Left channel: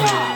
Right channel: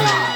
Thank you.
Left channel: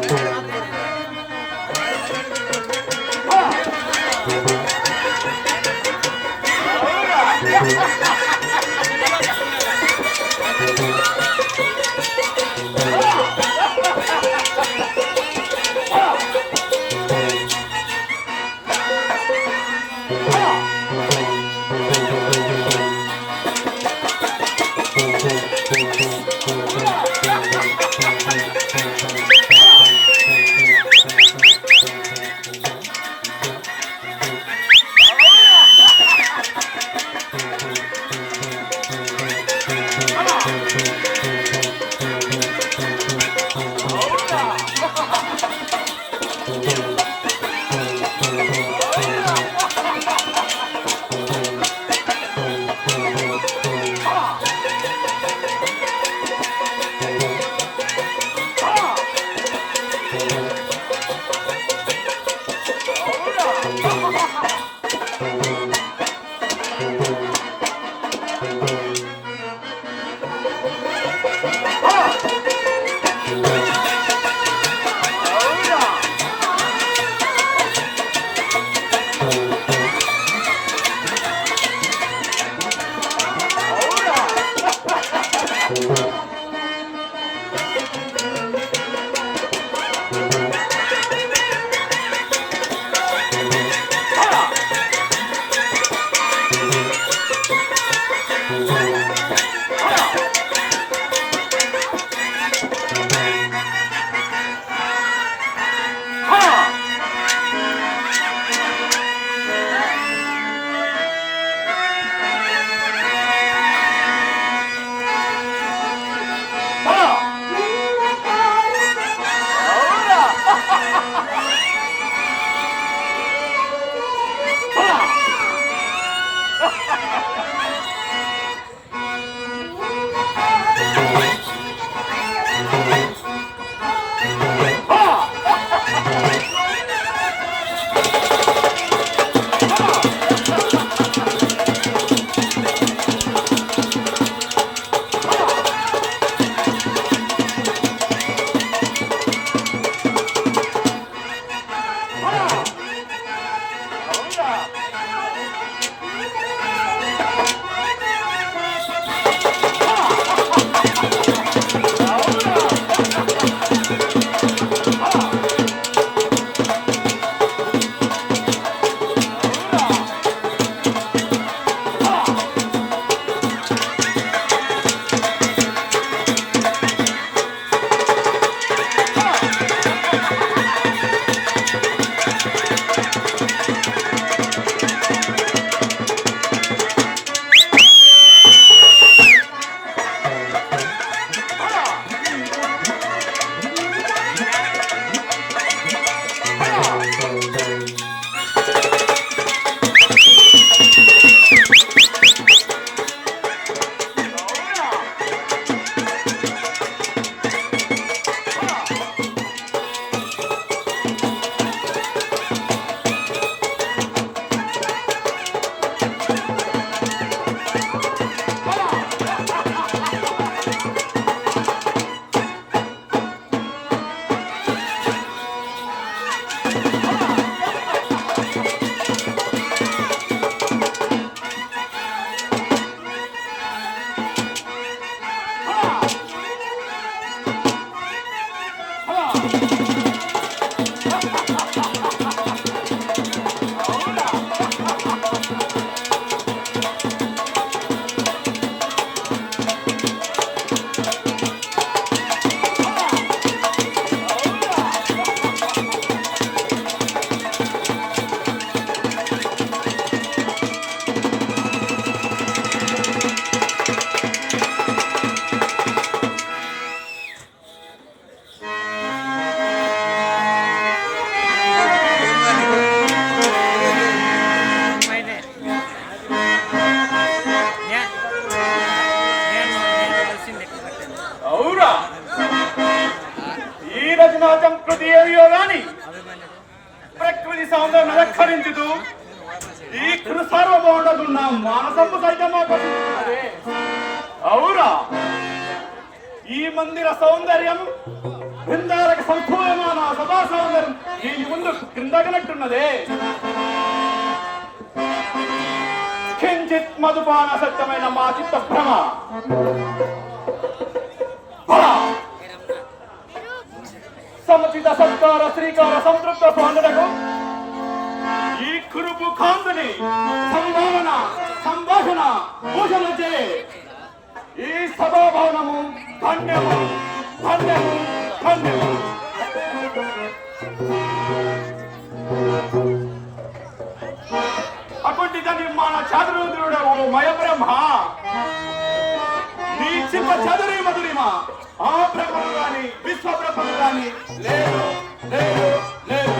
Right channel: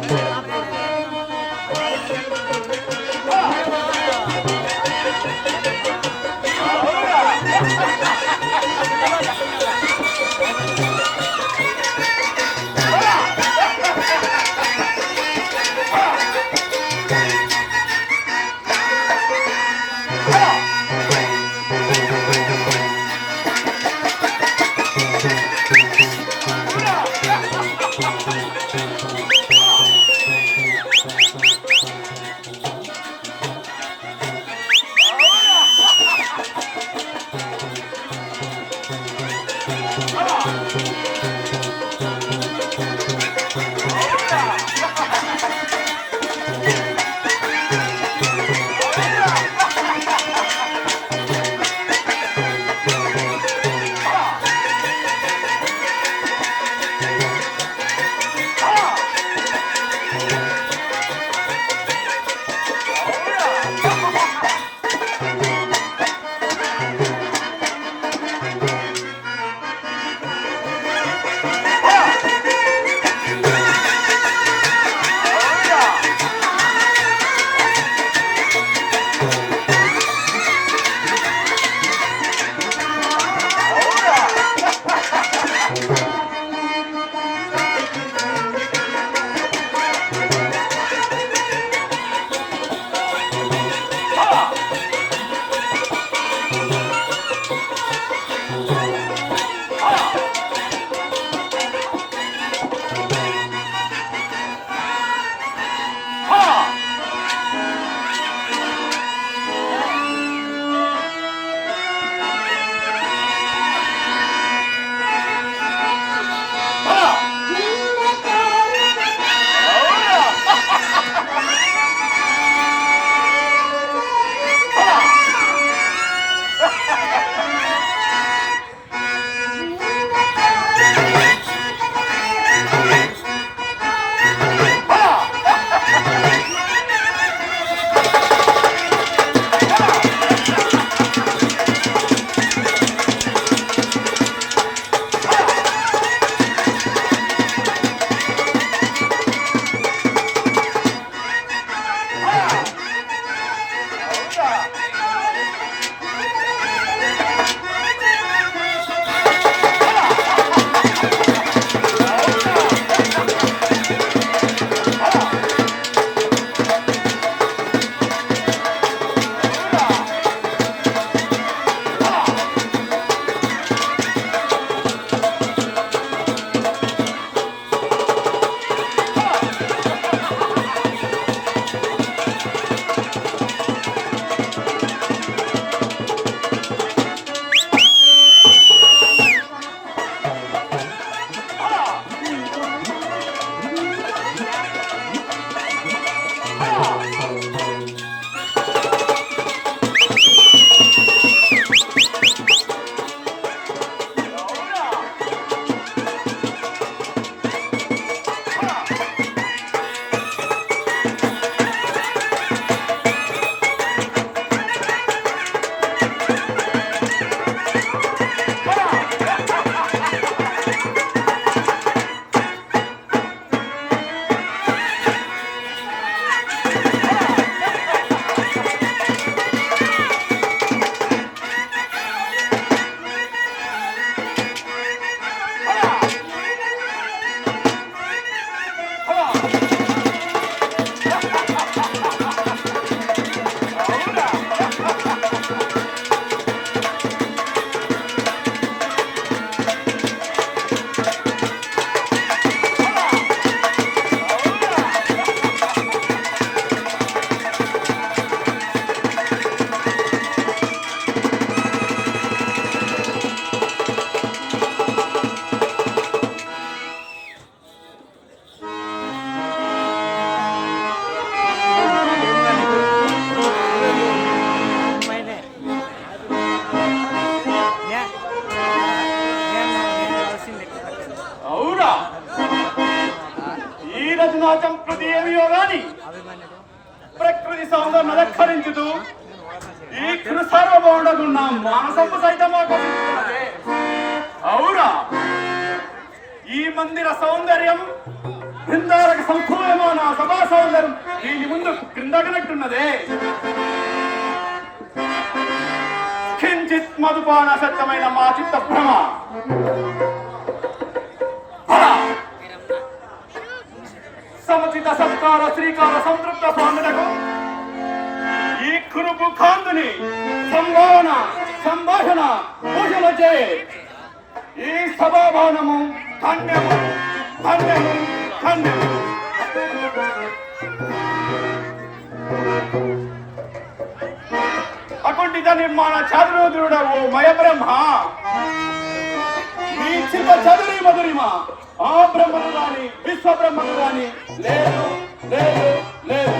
Gracias. ఈ మందిర సౌందర్యం బృందాలకు సంపూర్ణమైన సభా సౌందర్యం దీని ముందు క్రిందగినట్టున్నదే. కించిత్ మధుపాన సత్యమైన మా చిత్త భ్రమ. సముచిత సత్కార శ్రీకార సంతృప్త సౌందర్యకు ఈ కురుపు కాంతుని సంభావన సంభాషణ పూజలు చే ఈ సభాభవనము ధన్యము నిర్మాణ ఓ మయబ్రహ్మ నీ చిన్న చదురి మధురిమ ఆ బ్రహ్మం గాని విశ్వ బ్రహ్మం లేదు లేదు లేదు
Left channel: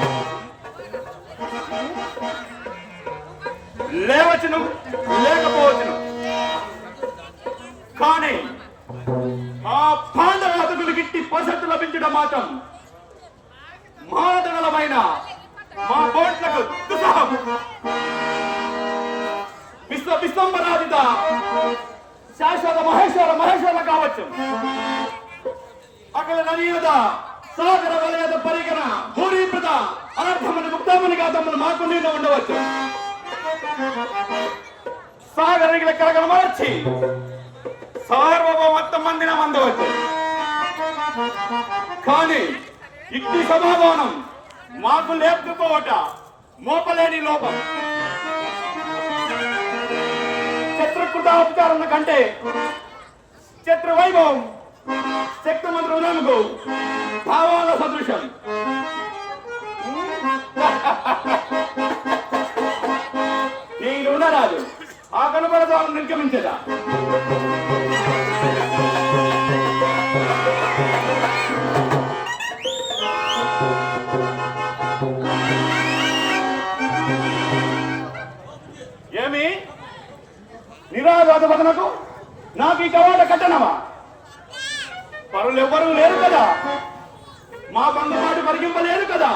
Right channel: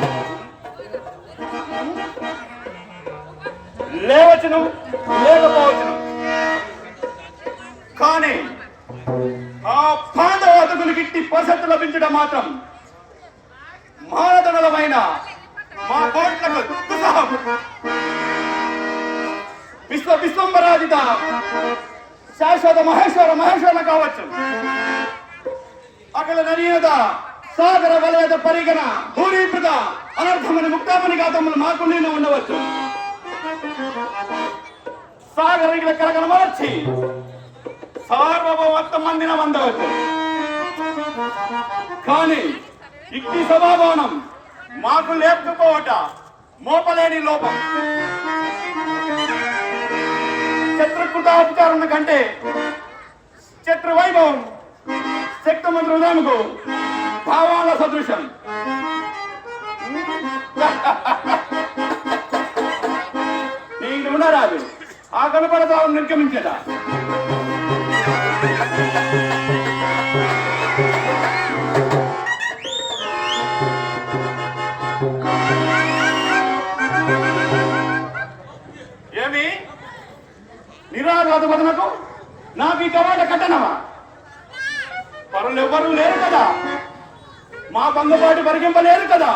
లేవచ్చును లేకపోవచ్చును. కానీ పాండవాతకులు గిట్టి లభించడం మాత్రం మాదనలమైన మా కోట్లకు దుస్సాహము. విశ్వ విశ్వంబరాజిత శాశ్వత మహేశ్వర మహేశ్వర కావచ్చు. అక్కడ ననీయత సాగర వలయద పరిగణ భూరీకృత అనర్థమని ముక్తామని గాతములు మాకు నిన్న ఉండవచ్చు. సాగరగిల కరగణ మార్చి సార్వభౌమత్వం మందిన అందవచ్చు కానీ ఇట్టి సమాధానం మాకు లేకపోవట మోపలేని లోపం. శత్రుకృతాధికారుల కంటే శత్రు వైభవం శక్తిమంత్రి భావాల సదృశం. నీ రుణరాదు ఆ కనపడతావు నిర్గమించదా తర్వాత వదనకు నాకు ఈ కవాట కట్టనవా? పరులు ఎవ్వరూ లేరు కదా. మా బంధుపాటి పరిగింపలేరు కదా.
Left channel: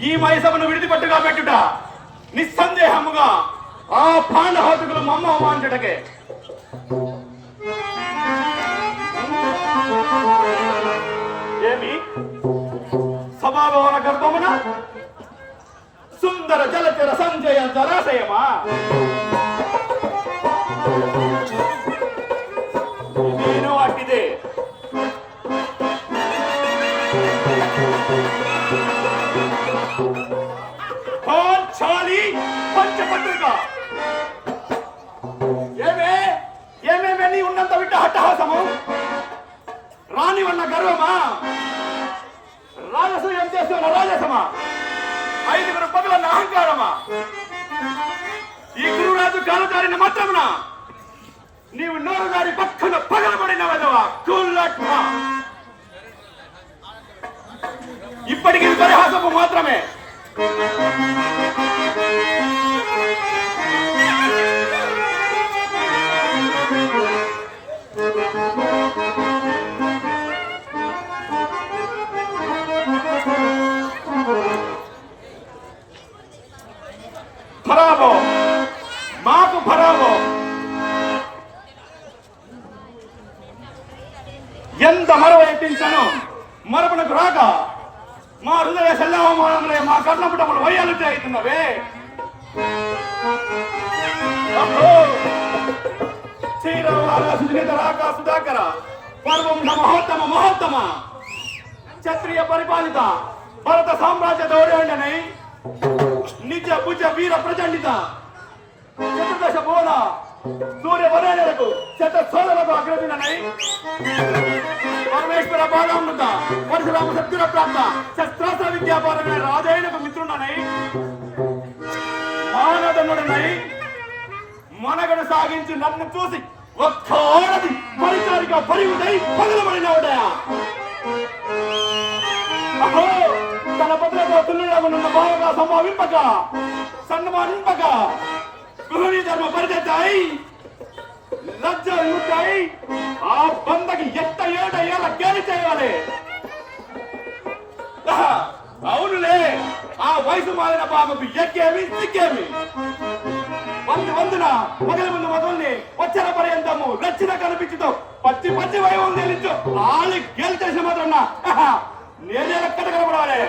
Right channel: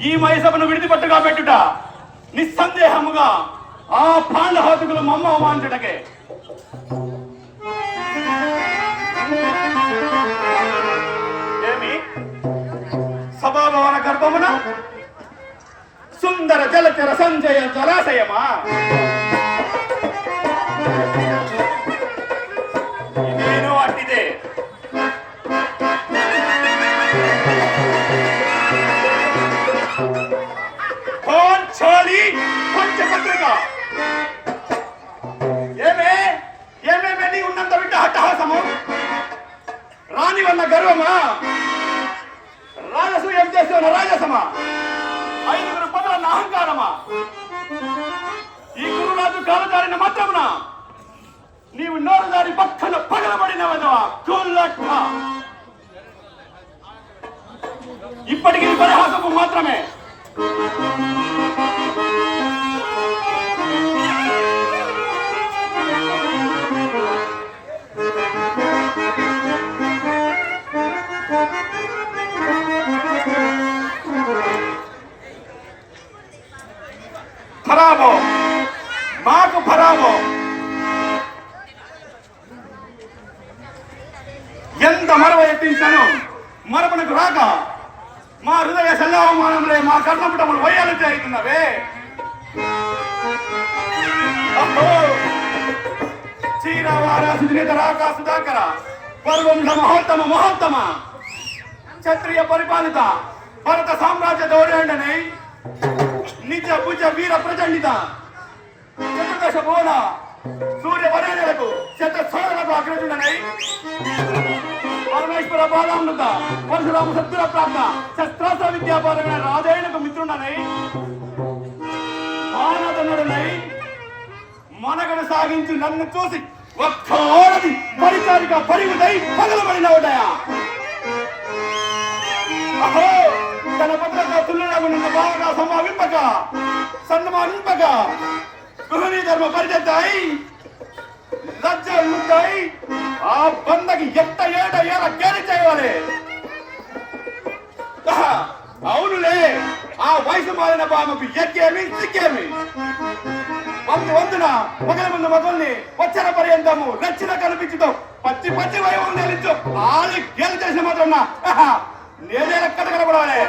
ఈ మైసభను విడిదిపట్టుగా పెట్టుట నిస్సందేహముగా ఆ పాండహాతుకులు మమ్మ అవమాంచుటకే ఏమి సుందర జలచర సంజయ జలాశయమా? నేను అట్టిదే పంచపత్రిక. ఏమే? ఏమేమే నీ ఉన్నంత విట్ట హట్టహాసము రాని వల్ల గర్వమా? రాజసూయం చేస్తున్న రాజసమా? ఈ గురురాజు కాలుదారిన మాత్రమున నీవు నోరు దారి పక్కన పగలబడిన వదవా కుల్లట్మ ఇప్పటికీ పరిహాసము మాత్రమే. శ్రీరామారా సుజనిత సుధాకర. పర్వం మహోత్తమ మహోత్తమ. క్షత్రియ పరిపాలిత భరత సామ్రాజ్య దౌర్యండనై నిజ భుజ వీర ప్రచండిత. చతుర్దశ బోధ సూర్య వరేణలకు శత సోదరకు అగ్రజుడనై పరమేశ్వర బాలామృత పరశురామ సత్యుల ప్రాప్త శస్త్రాస్త్ర విద్యాపరమైన రాజైనకు మిత్రుడనై మానదనుడనై మనగడ సాగించి నన్ను చూసి ఒక్క ఆడది పరిచారిక పరిమితై పగలబడినవుడయా అదే తన పత్రతో తుల్లుడగునున్న బాగా సంభావింపక సన్మానింపక గృహిణీ ధర్మ పరిచెత్తాయి లజ్జ ఉంటాయి ఆ బందకి ఎట్ట ఏట ఏల గేలి చేయాలి అవునులే. ఆ వయసు మారిన బాబుకు ఎక్కేమి సిక్కేమి? వంతు వంతున మొదల ముందు మొదల్ని వచ్చిన పర్యంతము నచ్చిన కనిపించుతో పచ్చి పచ్చి వైభవం తేలించు వాళ్ళు గేలు చేసిన మాత్రం నేనే ఎక్కడ కనపడాలి?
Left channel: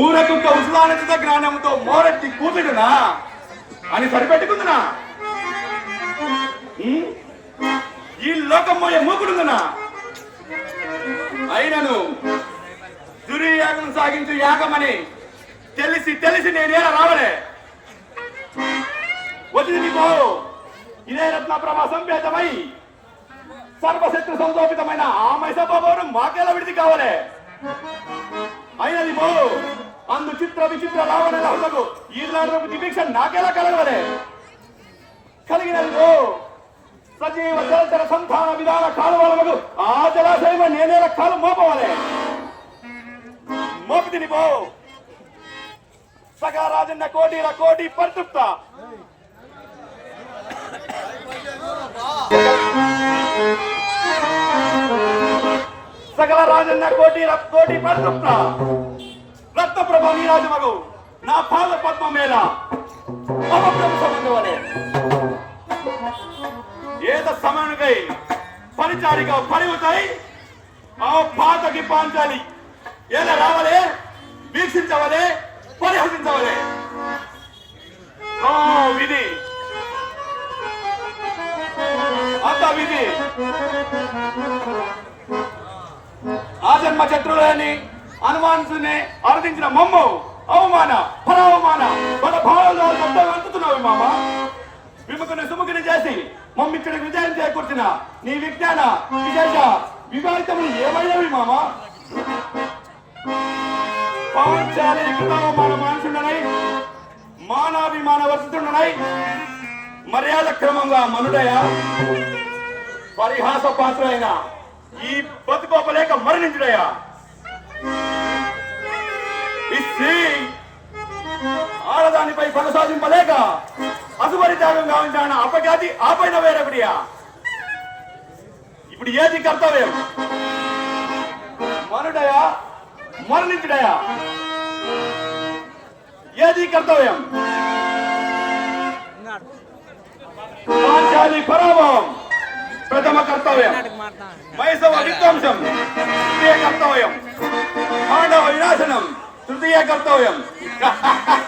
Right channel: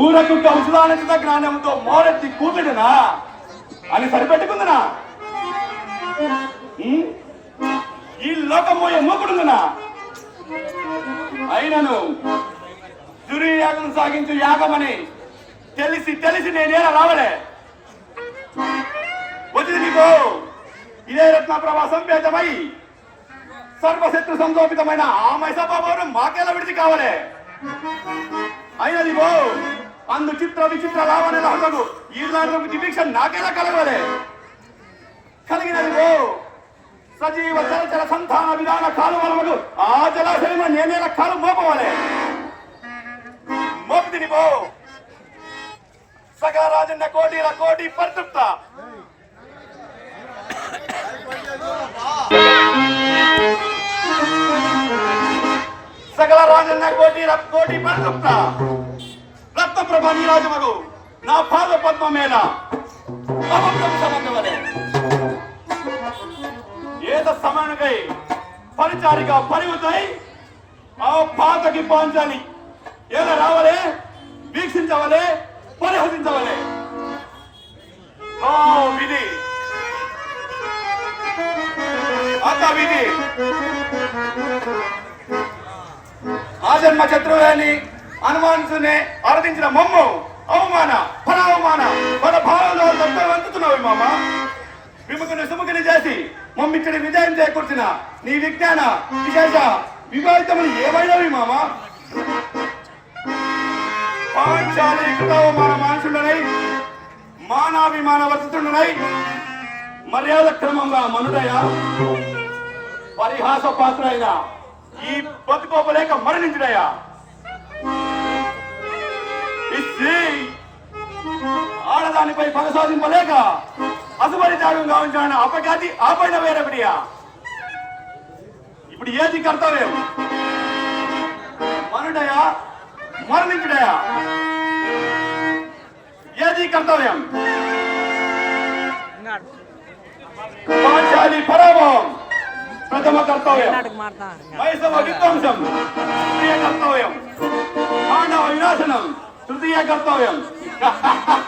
ఊరకు ఉసులానంద జ్ఞానంతో మోరెత్తి కూతుడునా? అని సరిపెట్టుకుందినా? ఈ లోకం మోయ మూకుడుందునా? అయినను దుర్యాగం సాగించు యాగమని తెలిసి తెలిసి నేనే రావలే. వచ్చింది నీకు. ఇదే రత్నప్రభ సంపేతమై సర్వశత్రు సంశోభితమైన ఆ మైసభావం మాకేలా విడిచి కావాలే. అయినది బో అందు చిత్ర విచిత్ర రావణ ఈ నాలుగు దివీక్ష నాకేలా కలగలే కలిగినది బో సజీవ జలచర సంతాన విధాన కాలువలకు ఆ జలాశయంలో నేనే కాలు మోపవాలి. మోపు తినిపో బో సగారాజన్న కోటిల కోటి పరితృప్త. సగల రాజన్న కోటిల కోటి పరితృప్త. రక్త రక్తప్రభ నీరాజ మగు నా పాద పద్మ మేళ ప్రభు సంబంధవలే సమానకై పరిచారిగా పరివుతాయి ఆ పాతకి పాంచాలి. ఎలా రావాలే? వీక్షించవాలి? పరిహసించవలే? ఓ విధి అత్త విధి ఆజన్మ శత్రువులని అనుమానించునే అర్థించిన మమ్ము అవమాన పరావమాన మన భారంలో అందుతున్నావు మామ. విముఖని సుముఖిని చేసి మమ్మిచ్చడి విజయం చేకూర్చిన నీ విజ్ఞాన విశేష వివాహితములు ఏమైనవి మామ? పాంచాలీకృత మన మనుషులనై మానాభిమాన వర్షితుండనై మర్యాద క్రమంగా మనుడయ పరిహాస పాత్ర అయిన ఈ బతుకోపలేక మరణించుడయా ఈ స్త్రీ ఆడదానిపై కొనసాగింపలేక అసుబరి త్యాగం కావించాలని అపఖ్యాతి ఆపైన వేరొకటియా? ఇప్పుడు ఏది కర్తవ్యం? మనుడయా? మరణించుడయా? ఏది కర్తవ్యం? పాంచాలి పరాభవం. ప్రథమ కర్తవ్యం. మైసవ విధ్వంసం. కర్తవ్యం. మానవ వినాశనం. తృతీయ కర్తవ్యం.